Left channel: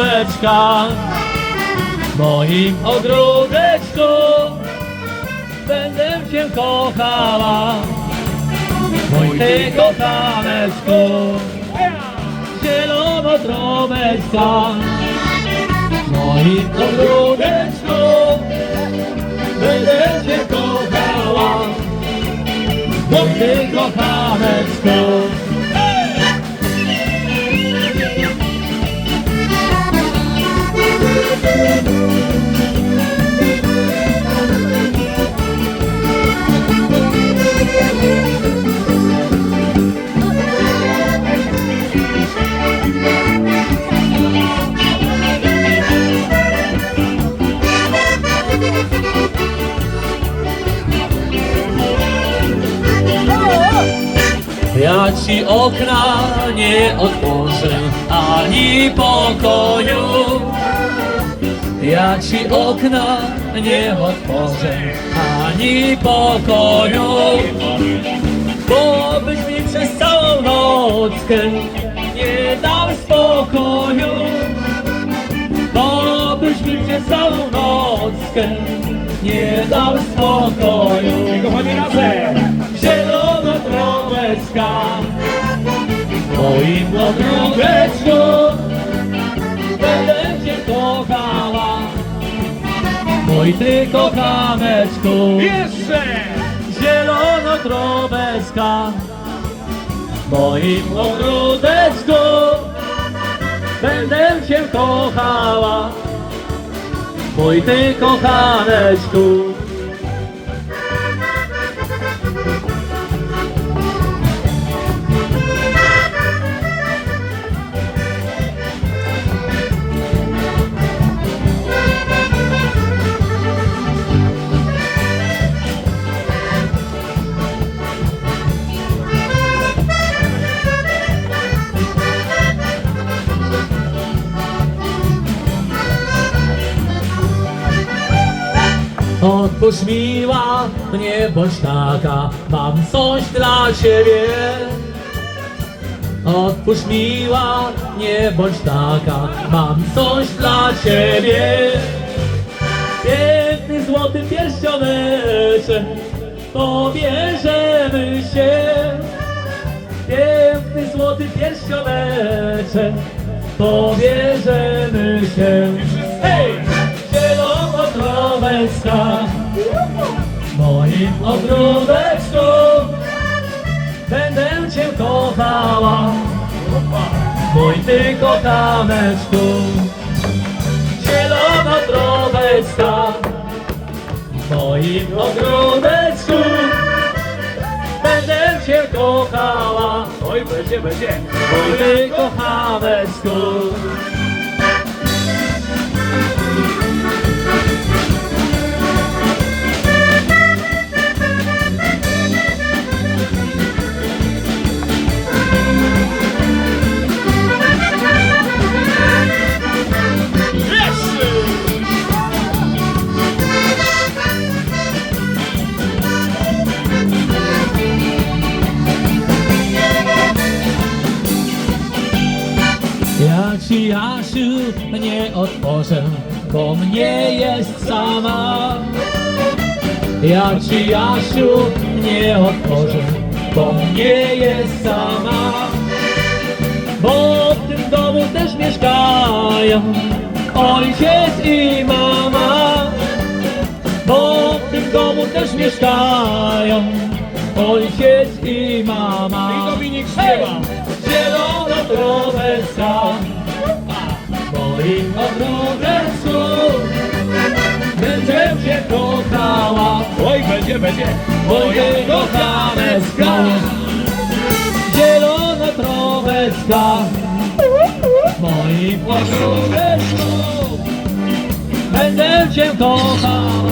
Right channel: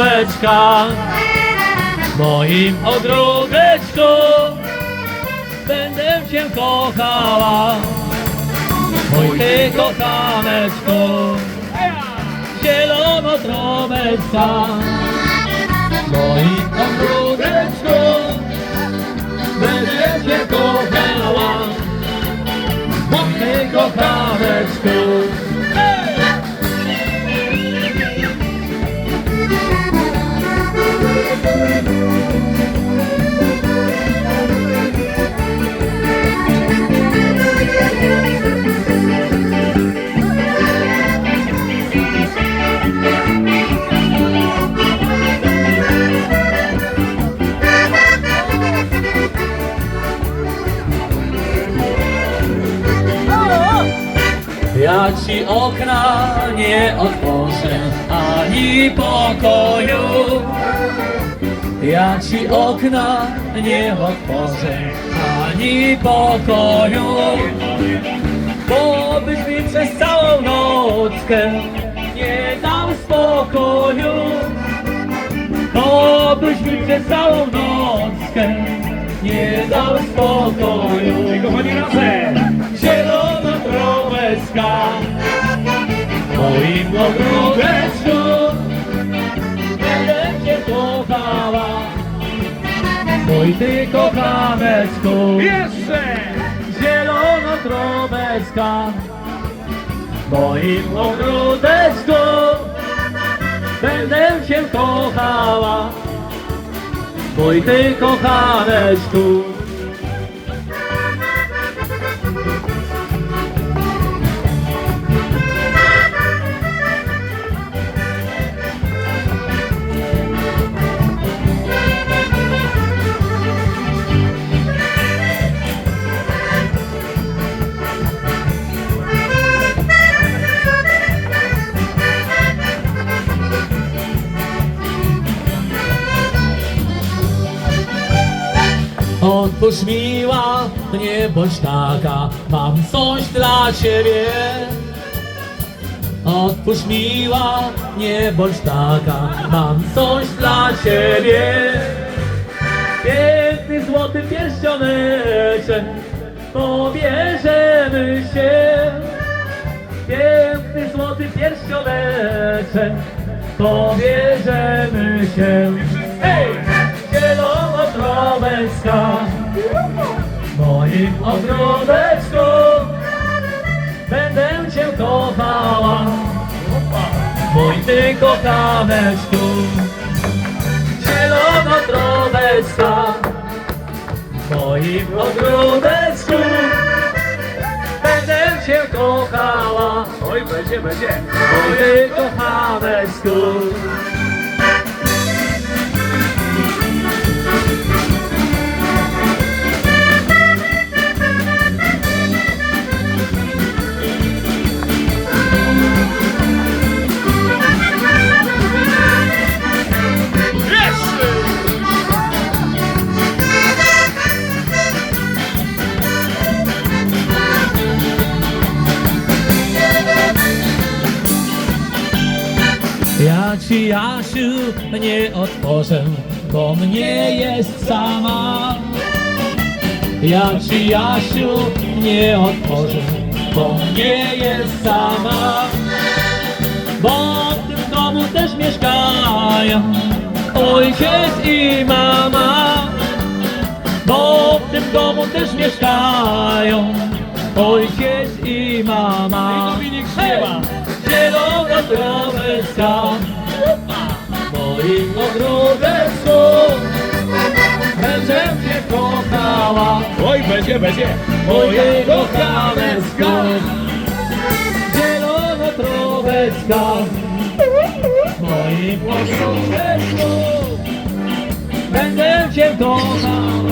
trąbeczka w moim ogródeczku będę cię kochała. Mój ty kochaneczku zielono trąbeczka. W moim ci okna nie otworzę, ani pokoju. Ja ci okna nie otworzę, ani pokoju. Bo byś mi przez całą nockę nie dał spokoju. Bo byś mi przez całą nockę nie dał spokoju. Kochani razem! Zielono trąbeczka moim ogródeczku Będę cię kochała. Mój ty kochaneczku Jeszcze! Zielono trąbeczka w moim ogródeczku Będę cię kochała. Mój ty kochaneczku Otwórz miła, nie bądź taka, mam coś dla ciebie. Otwórz miła, nie bądź taka, mam coś dla ciebie. Piękny złoty pierścioneczek, pobierzemy się. Piękny złoty pierścioneczek, pobierzemy się. Hej! W moim ogródeczku Będę cię kochała, mój ty kochaneczku Zielona trąbeczka w moim ogródeczku. Będę cię kochała, Oj, będzie, będzie! mój ty kochaneczku Ja ci Jasiu nie otworzę, bo mnie jest sama. Ja ci Jasiu nie otworzę, bo mnie jest sama. Bo w tym domu też mieszkają ojciec i mama. Bo w tym domu też mieszkają ojciec i mama. I Dominik śpiewa. Zielona trąbeczka w moim ogródeczku Będę cię kochała, Oj, będzie, będzie! mojego kamecka Zielona trąbeczka w moim ogródeczku Będę cię kochała